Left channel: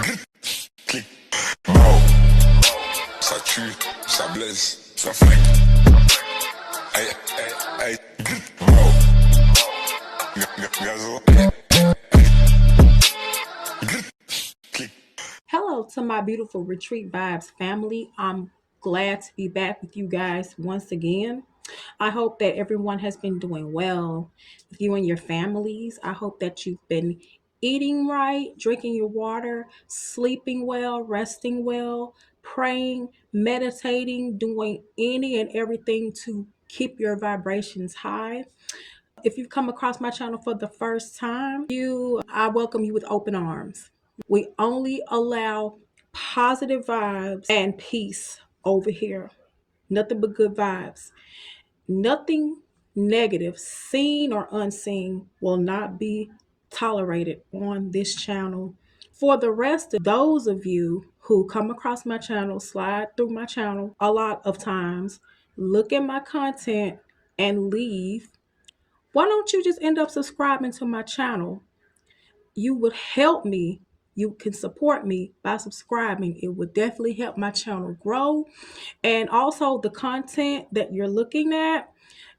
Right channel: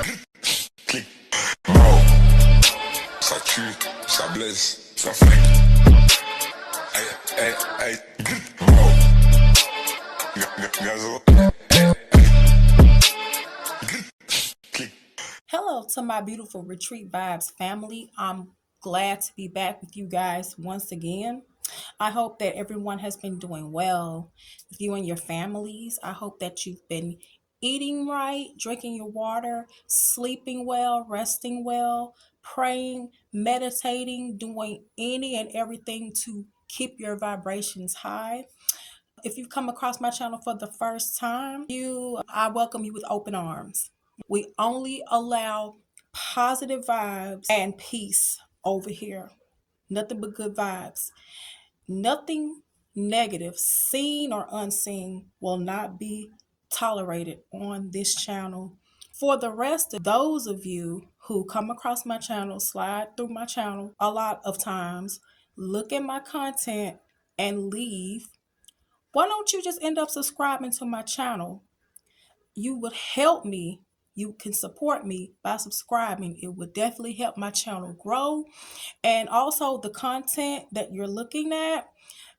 Clic. Mort. Ça tue, ça blesse, ça flingue. Aïe, aïe, aïe. Mort. Gazo. Clic. Hello to my beautiful Retreat Vibes family. I'm glad to be back with you guys once again. I hope that everyone has been doing well with you and your families. I hope that you've been eating right, drinking your water, sleeping well, resting well, praying, meditating, doing any and everything to keep your vibrations high. If you've come across my channel for the first time, I welcome you with open arms. We only allow positive vibes and peace over here. Nothing but good vibes. Nothing negative, seen or unseen, will not be tolerated on this channel. For the rest of those of you who come across my channel, slide through my channel a lot of times, look at my content and leave, why don't you just end up subscribing to my channel? You would help me. You can support me by subscribing. It would definitely help my channel grow. And also the content that you're looking at,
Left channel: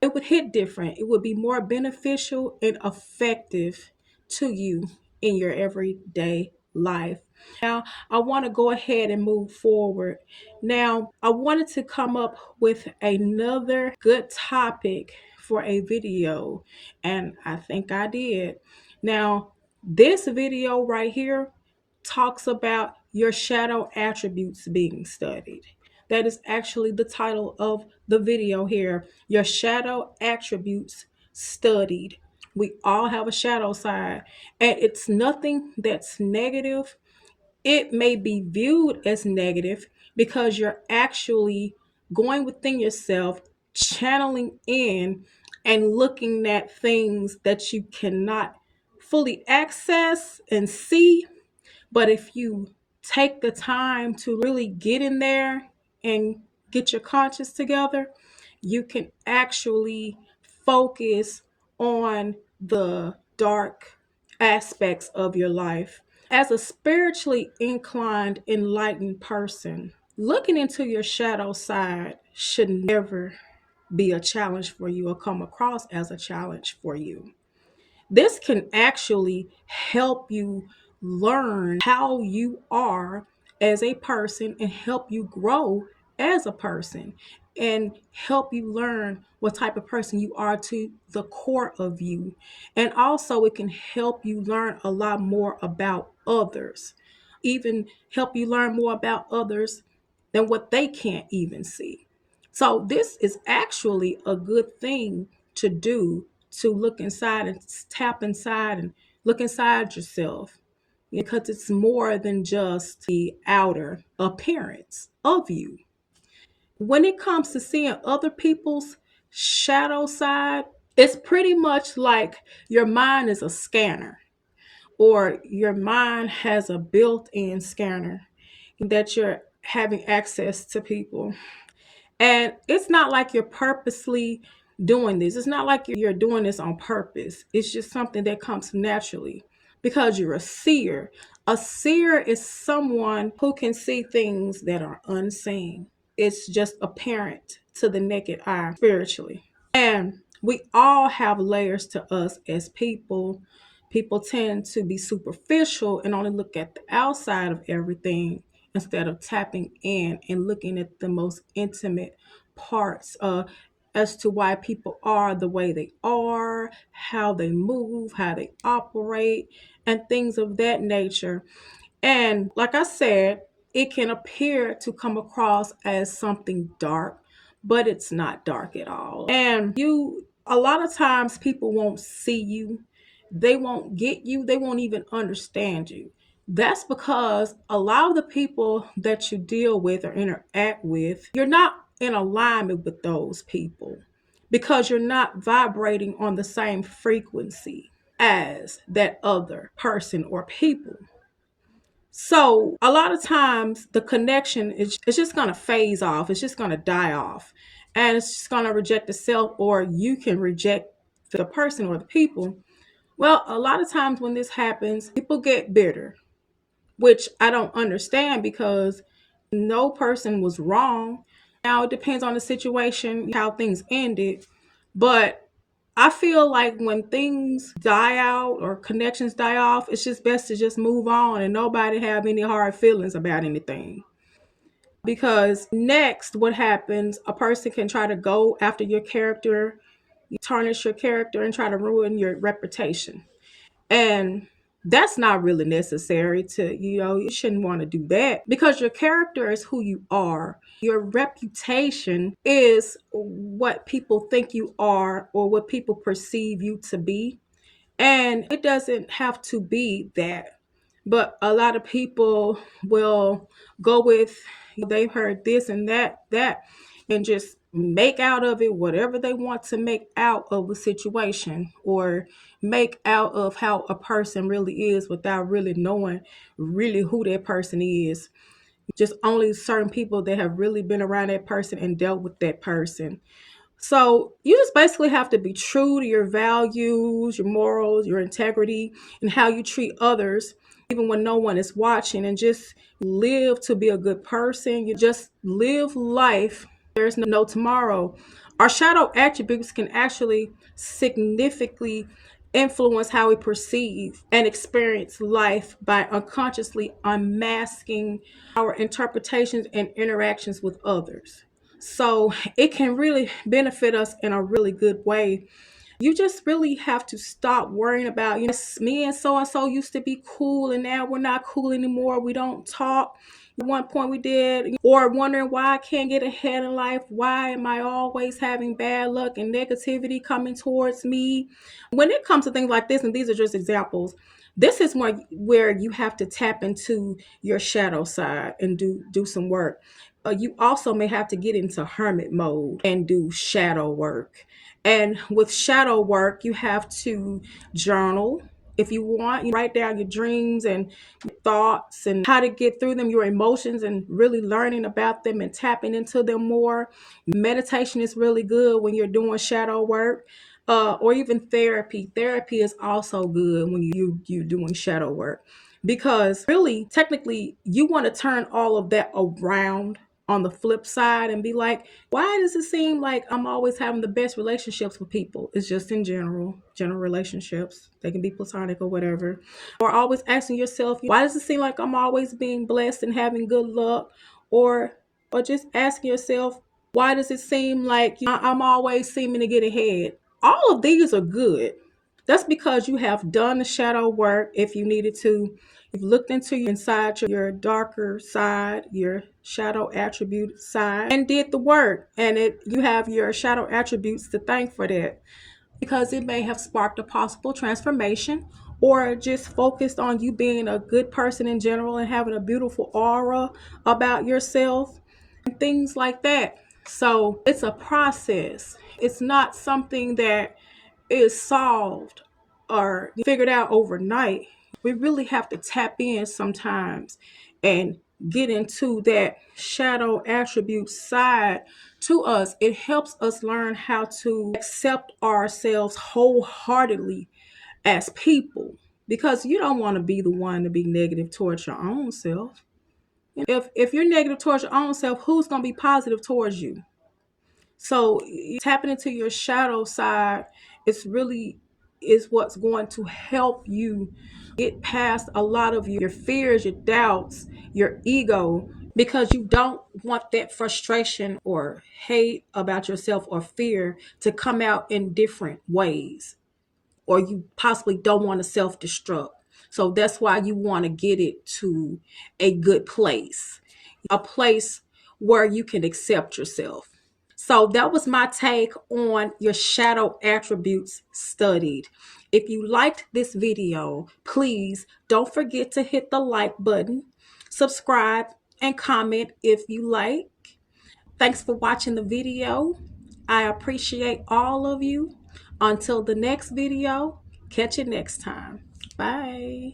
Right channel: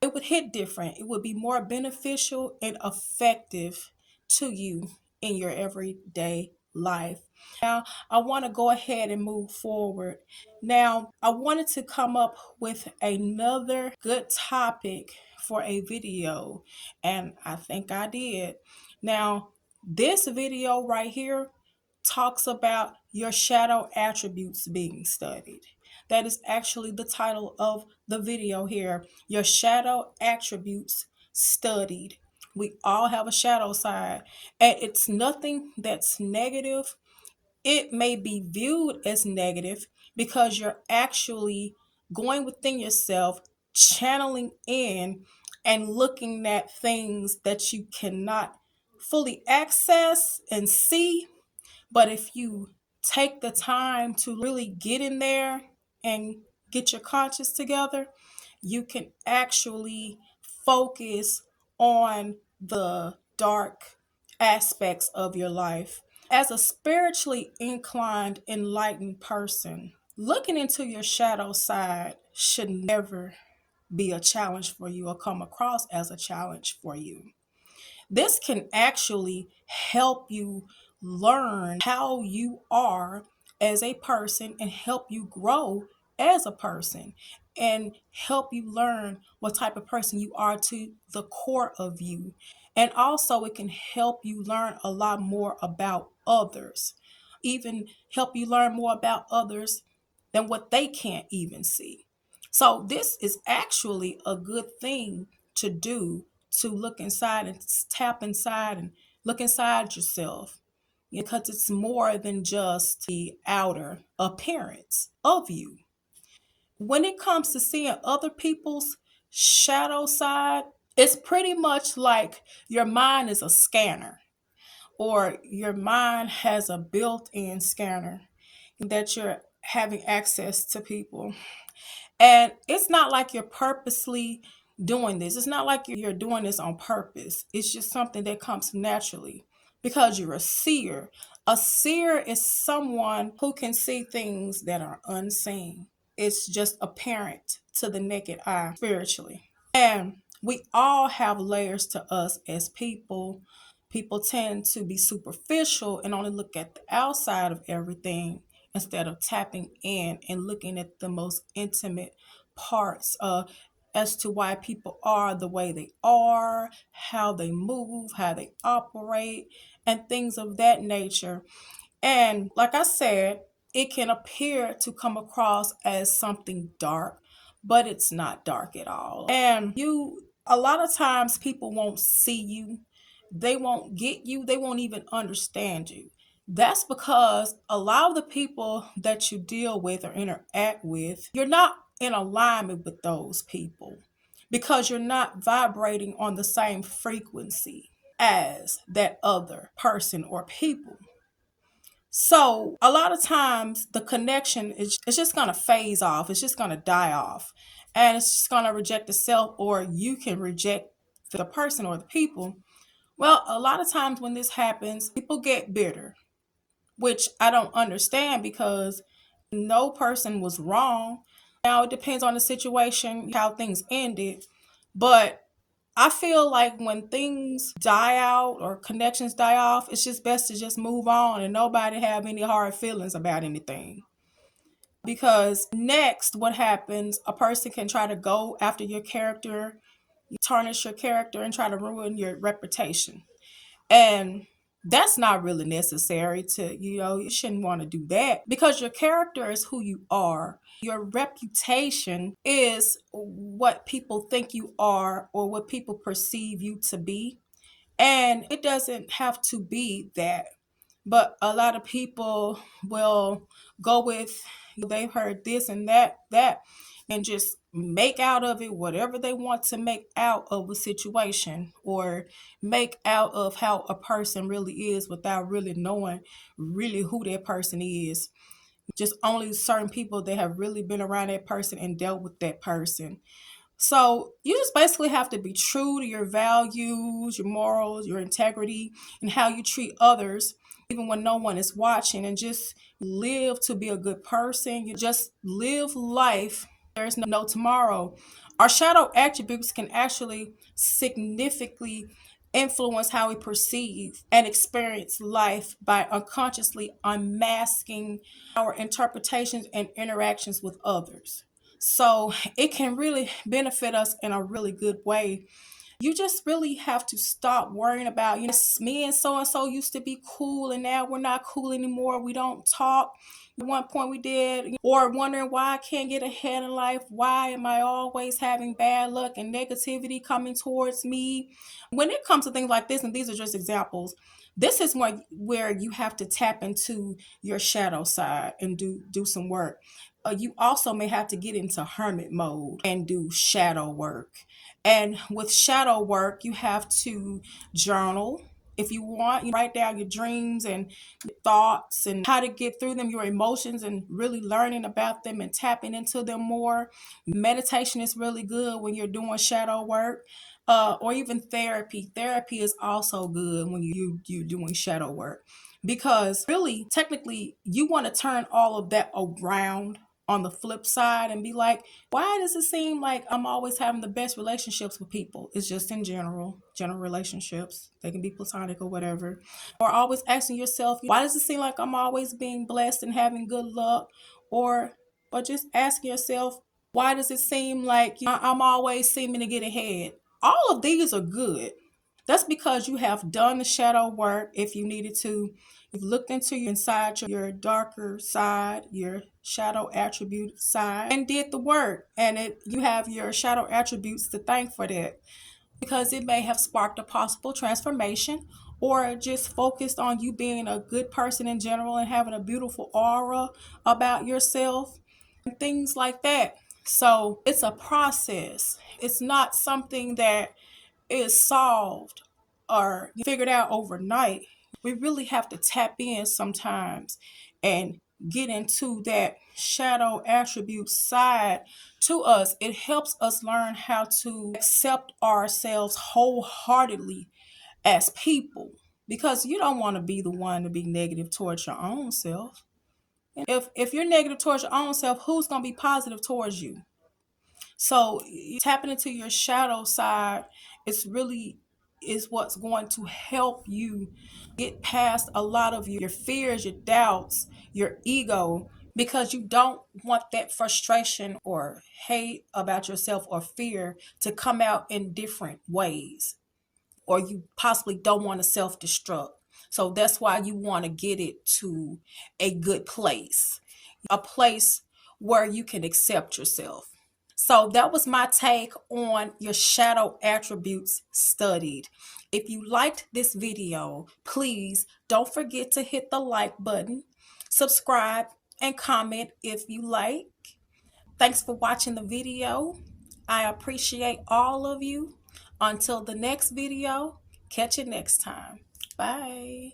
it would hit different. It would be more beneficial and effective to you in your everyday life. Now, I want to go ahead and move forward. Now, I wanted to come up with another good topic for a video, and I think I did. Now, this video right here talks about your shadow attributes being studied. That is actually the title of the video here. Your shadow attributes studied. We all have a shadow side, and it's nothing that's negative. It may be viewed as negative because you're actually going within yourself, channeling in, and looking at things that you cannot fully access and see. But if you take the time to really get in there and get your conscious together, you can actually focus on the dark aspects of your life. As a spiritually inclined, enlightened person, looking into your shadow side should never be a challenge for you or come across as a challenge for you. This can actually help you learn how you are as a person and help you grow as a person and help you learn what type of person you are to the core of you. And also, it can help you learn a lot more about others, even help you learn more about others than what they can't even see. So, this is actually a good thing to do, to look inside and tap inside and look inside yourself, because it's more than just the outer appearance of you. When it comes to seeing other people's shadow side, it's pretty much like your mind is a scanner, or your mind has a built in scanner that you're having access to people. And it's not like you're purposely doing this. It's not like you're doing this on purpose. It's just something that comes naturally because you're a seer. A seer is someone who can see things that are unseen. It's just apparent to the naked eye spiritually. And we all have layers to us as people. People tend to be superficial and only look at the outside of everything instead of tapping in and looking at the most intimate parts as to why people are the way they are, how they move, how they operate, and things of that nature. And like I said, it can appear to come across as something dark, but it's not dark at all. And a lot of times people won't see you, they won't get you, they won't even understand you. That's because a lot of the people that you deal with or interact with, you're not in alignment with those people because you're not vibrating on the same frequency as that other person or people. So a lot of times the connection is it's just gonna phase off. It's just gonna die off, and it's just gonna reject itself, or you can reject the person or the people. Well, a lot of times when this happens, people get bitter. which I don't understand because no person was wrong. Now it depends on the situation, how things ended. But I feel like when things die out or connections die off, it's just best to just move on and nobody have any hard feelings about anything. Because next, what happens, a person can try to go after your character, you tarnish your character and try to ruin your reputation. And that's not really necessary to, you shouldn't want to do that because your character is who you are. Your reputation is what people think you are or what people perceive you to be. And it doesn't have to be that. But a lot of people will go with, they've heard this and that, and just make out of it whatever they want to make out of a situation or make out of how a person really is without really knowing really who that person is. Just only certain people that have really been around that person and dealt with that person. So you just basically have to be true to your values, your morals, your integrity, and how you treat others, even when no one is watching, and just live to be a good person. You just live life. There's no tomorrow. Our shadow attributes can actually significantly influence how we perceive and experience life by unconsciously unmasking our interpretations and interactions with others. So it can really benefit us in a really good way. You just really have to stop worrying about, me and so used to be cool and now we're not cool anymore. We don't talk. At one point we did, or wondering why I can't get ahead in life. Why am I always having bad luck and negativity coming towards me? When it comes to things like this, and these are just examples, this is where you have to tap into your shadow side and do some work. You also may have to get into hermit mode and do shadow work. And with shadow work, you have to journal. If you want, you write down your dreams and your thoughts and how to get through them, your emotions, and really learning about them and tapping into them more. Meditation is really good when you're doing shadow work. Or even therapy. Therapy is also good when you're doing shadow work because really, technically, you want to turn all of that around on the flip side and be like, why does it seem like I'm always having the best relationships with people? It's just in general relationships. They can be platonic or whatever. Or always asking yourself, why does it seem like I'm always being blessed and having good luck? Or just asking yourself, why does it seem like I'm always seeming to get ahead? All of these are good. That's because you have done the shadow work if you needed to. You've looked into inside your darker side, your shadow attribute side, and did the work. And you have your shadow attributes to thank for that because it may have sparked a possible transformation or just focused on you being a good person in general and having a beautiful aura about yourself and things like that. So it's a process. It's not something that is solved or figured out overnight. We really have to tap in sometimes and get into that shadow attribute side to us. It helps us learn how to accept ourselves wholeheartedly as people because you don't want to be the one to be negative towards your own self. If you're negative towards your own self, who's going to be positive towards you? So tapping into your shadow side is what's going to help you get past a lot of your fears, your doubts, your ego, because you don't want that frustration or hate about yourself or fear to come out in different ways, or you possibly don't want to self-destruct. So that's why you want to get it to a good place, a place where you can accept yourself. So that was my take on your shadow attributes studied. If you liked this video, please don't forget to hit the like button, subscribe, and comment if you like. Thanks for watching the video. I appreciate all of you. Until the next video, catch you next time. Bye.